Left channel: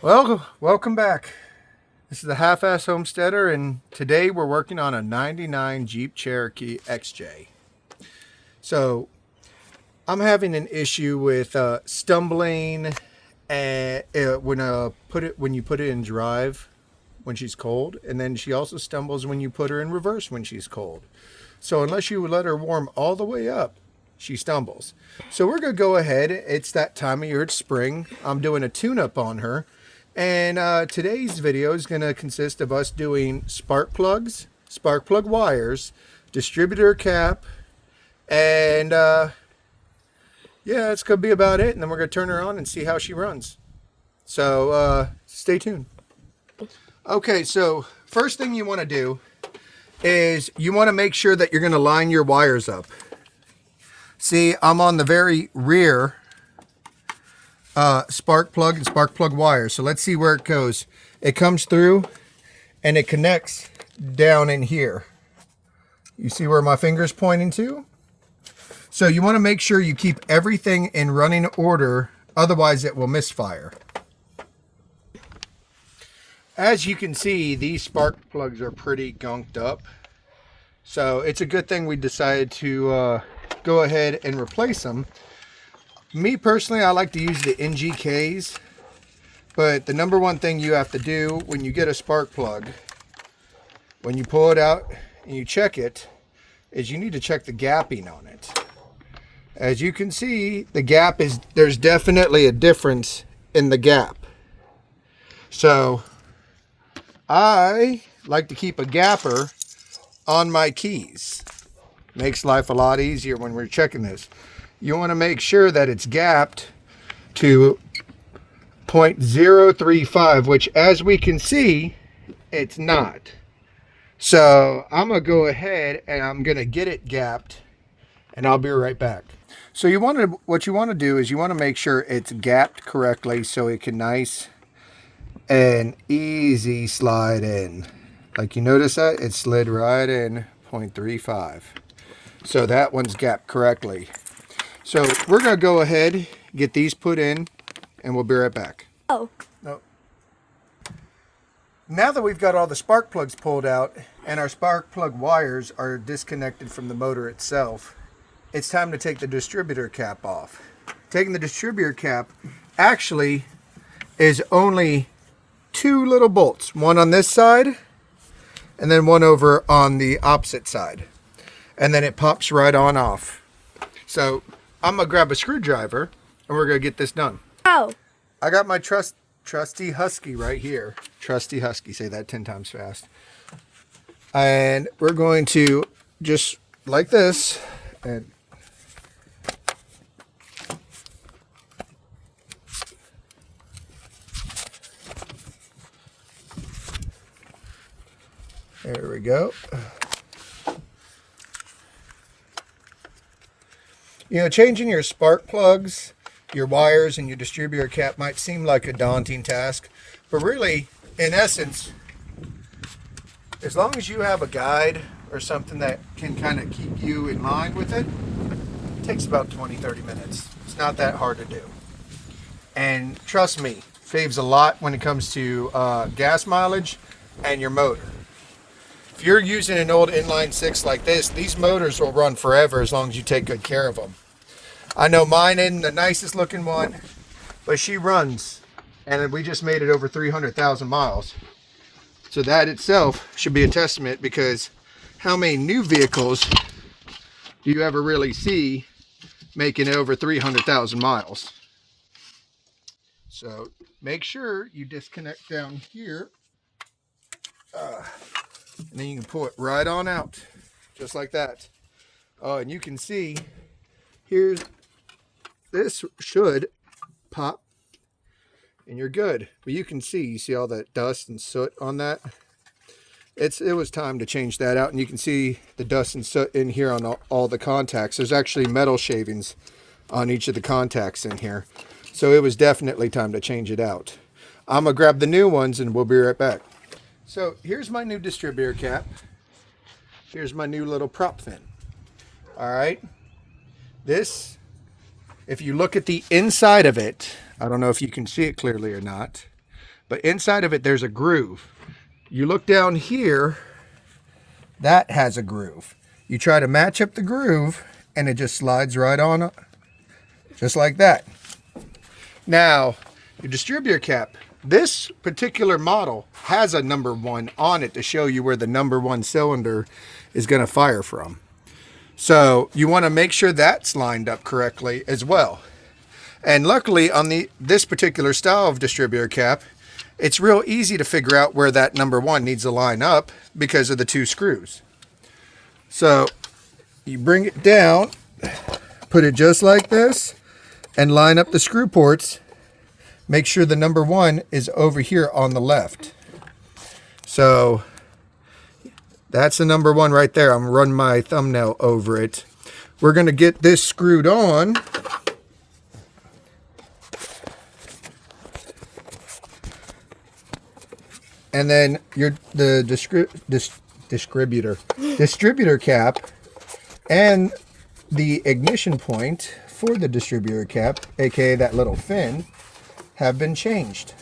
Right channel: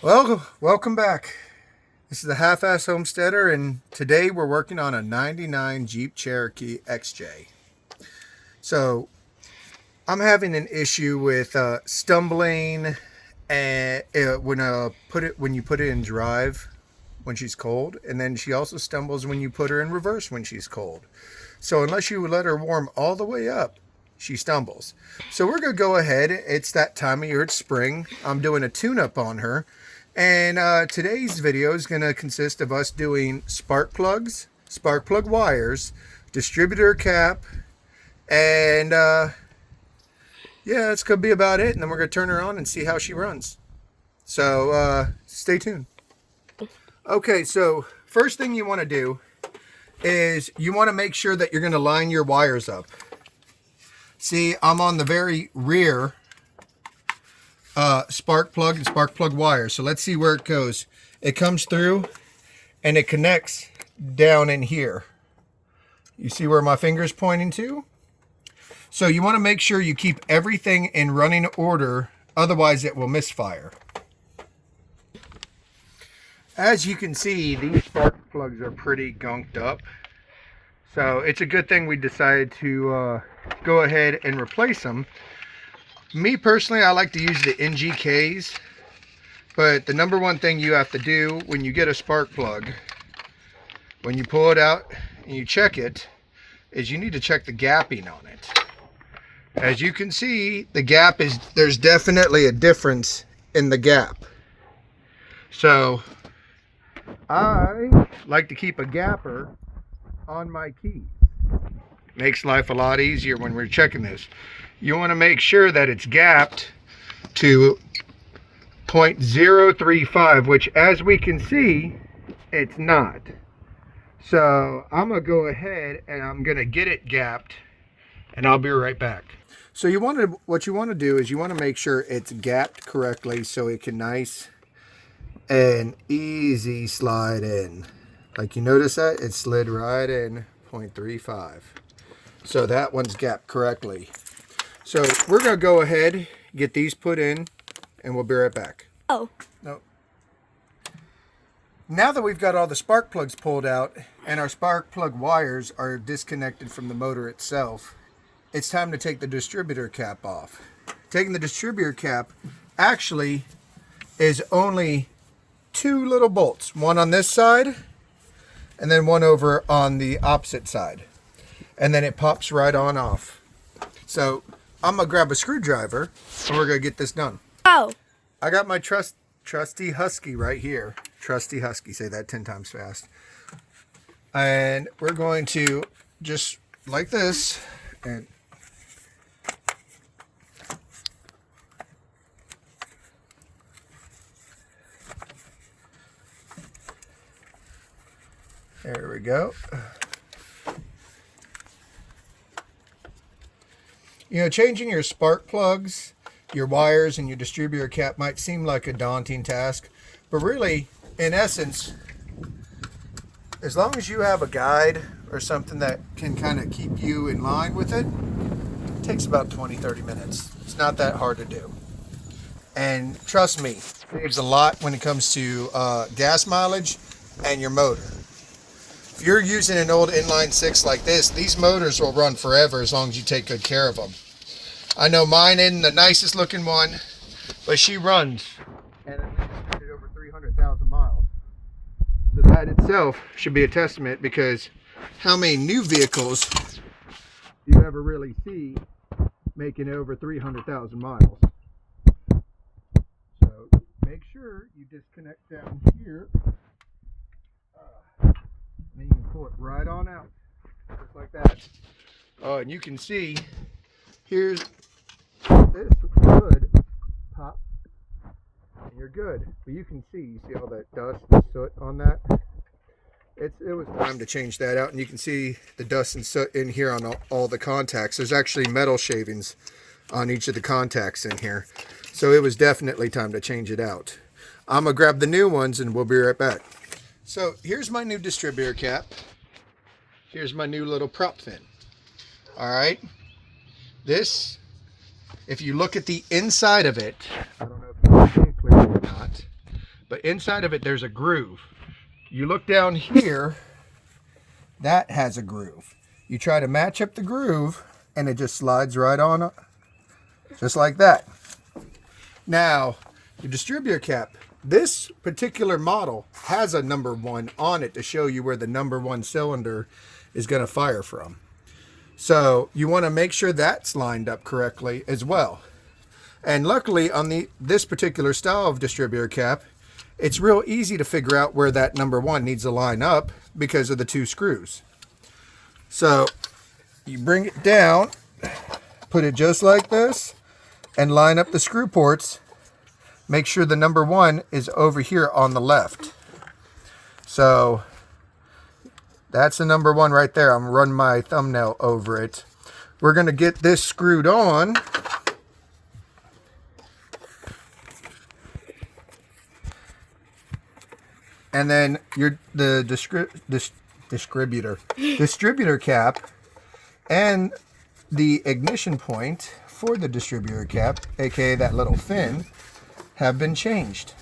Well, welcome back. This is the Half-Ass Homesteader, and today we're working on a 99 Jeep Cherokee XJ. So, I'm having an issue with stumbling and when you put it in drive when she's cold, and then she also stumbles when you put her in reverse when she's cold. So, unless you let her warm all the way up, she stumbles. So, we're going to go ahead. It's that time of year, it's spring. I'm doing a tune-up on her. And today's video is going to consist of us doing spark plugs, spark plug wires, distributor cap, and yeah, that's going to be about it. And then we're going to turn her on and see how she runs. So stay tuned. Okay, so first thing you want to do is you want to make sure that you're going to line your wires up. See, I'm on the very rear spark plug and spark plug wire. So let's see where it goes. It comes through and it connects down in here. You see where my finger's pointing to? So you want to make sure you keep everything in running order, otherwise it will misfire. As you can see, these spark plugs are pretty gunked up. So it's a good thing we decided to go ahead and replace them. Me personally, I like to use the NGKs, but the number one thing you have to do when you get a spark plug, when you pull it out and you check it, is you need to check the gapping on it. As you can see, the gap is, there's definitely a difference in the gap. So I like to keep a gapper on my keys. Makes life a lot easier when we're checking this. You want to make sure that it's gapped to 0.035, which as we can see, it's not. So I'm going to go ahead and I'm going to get it gapped and I'll be right back. So what you want to do is you want to make sure it's gapped correctly so it can nice and easy slide in. Like you notice that it slid right in 0.35. So that one's gapped correctly. So we're going to go ahead, get these put in, and we'll be right back. Oh. No. Now that we've got all the spark plugs pulled out and our spark plug wires are disconnected from the motor itself, it's time to take the distributor cap off. Taking the distributor cap actually is only two little bolts, one on this side and then one over on the opposite side. And then it pops right on off. So I'm going to grab a screwdriver and we're going to get this done. Oh. I got my trusty Husky right here. Trusty Husky, say that 10 times fast. And we're going to just like this and there we go. You know, changing your spark plugs, your wires, and your distributor cap might seem like a daunting task, but really, in essence, as long as you have a guide or something that can kind of keep you in line with it, it takes about 20-30 minutes. It's not that hard to do. And trust me, saves a lot when it comes to gas mileage and your motor. If you're using an old inline six like this, these motors will run forever as long as you take good care of them. I know mine isn't the nicest looking one, but she runs, and we just made it over 300,000 miles. So that itself should be a testament, because how many new vehicles do you ever really see making it over 300,000 miles? So make sure you disconnect down here. And then you can pull it right on out, just like that. Oh, and you can see, here's, this should pop, and you're good. But you can see, all that dust and soot on that. It was time to change that out, and you can see the dust and soot in here on all the contacts. There's actually metal shavings on each of the contacts in here. So it was definitely time to change it out. I'm gonna grab the new ones and we'll be right back. So here's my new distributor cap. Here's my new little prop fin. All right. This, if you look at the inside of it, I don't know if you can see it clearly or not, but inside of it there's a groove. You look down here, that has a groove. You try to match up the groove and it just slides right on up, just like that. Now, your distributor cap, this particular model has a number 1 on it to show you where the number 1 cylinder is going to fire from. So you want to make sure that's lined up correctly as well. And luckily on this particular style of distributor cap, it's real easy to figure out where that number 1 needs to line up because of the 2 screws. So you bring it down, put it just like this, and line up the screw ports. Make sure the number 1 is over here on the left. So that's the number 1 right there. I'm running my thumbnail over it. We're going to get this screwed on. And then the distributor cap and the ignition point for the distributor cap, aka that little fin, have been changed.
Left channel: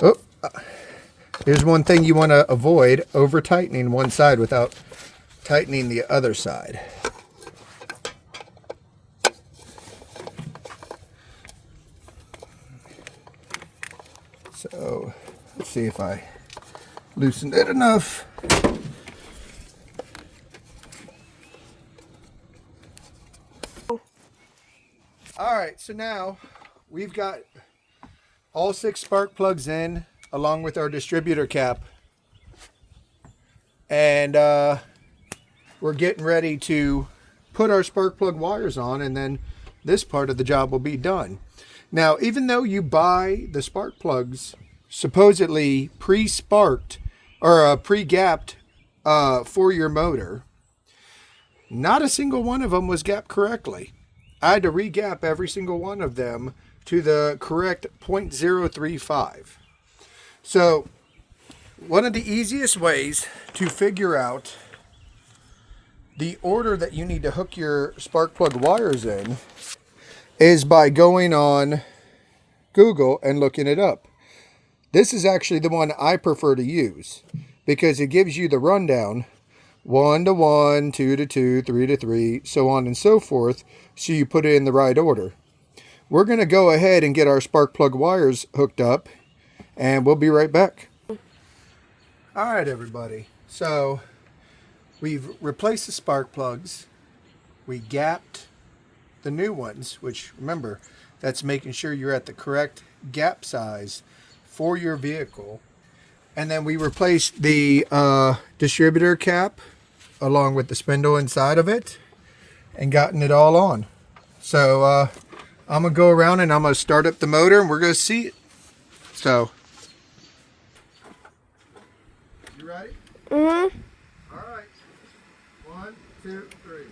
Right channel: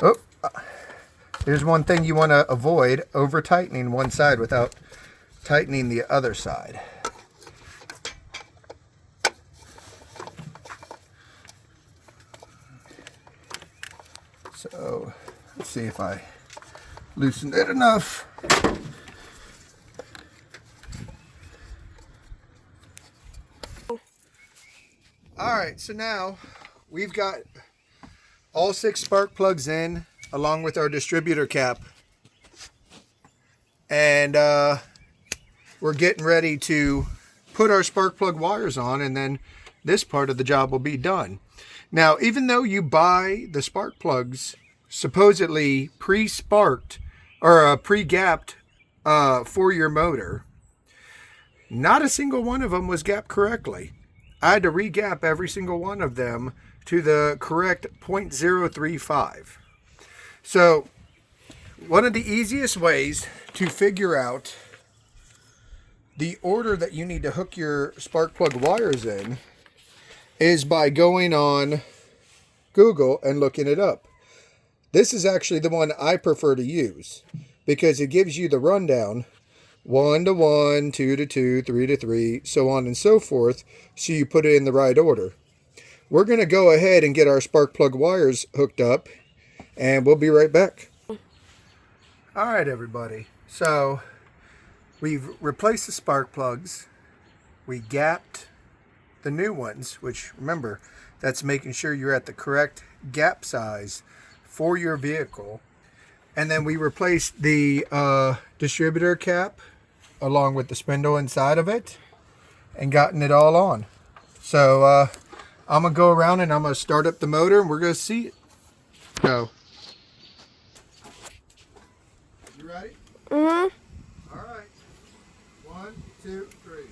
Oh, here's one thing you want to avoid: over tightening one side without tightening the other side. So let's see if I loosened it enough. Alright, so now we've got all 6 spark plugs in along with our distributor cap. And we're getting ready to put our spark plug wires on, and then this part of the job will be done. Now, even though you buy the spark plugs supposedly pre-sparked or pre-gapped for your motor, not a single one of them was gapped correctly. I had to re-gap every single one of them to the correct 0.035. So, one of the easiest ways to figure out the order that you need to hook your spark plug wires in is by going on Google and looking it up. This is actually the one I prefer to use because it gives you the rundown: 1 to 1, 2 to 2, 3 to 3, so on and so forth, so you put it in the right order. We're going to go ahead and get our spark plug wires hooked up, and we'll be right back. Alright everybody, so we've replaced the spark plugs, we gapped the new ones, which remember, that's making sure you're at the correct gap size for your vehicle. And then we replaced the distributor cap along with the spindle inside of it and gotten it all on. So I'm going to go around and I'm going to start up the motor and we're going to see it. So, you ready? Mm-hmm. All right. 1, 2, 3.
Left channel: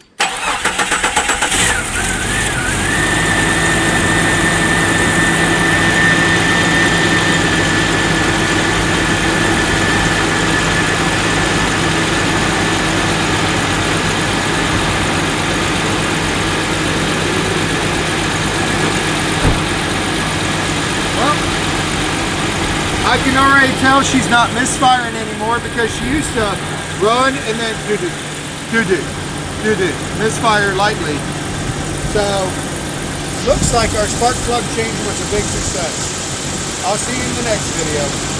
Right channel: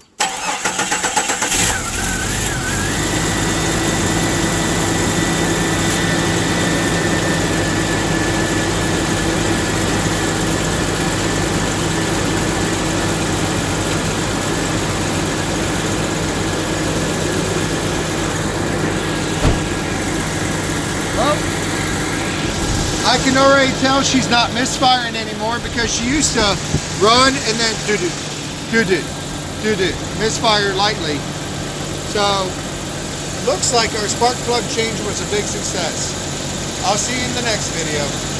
I can already tell she's not misfiring anymore because she used to run and then do misfire lightly. So looks like our spark plug change was a big success. I'll see you in the next video.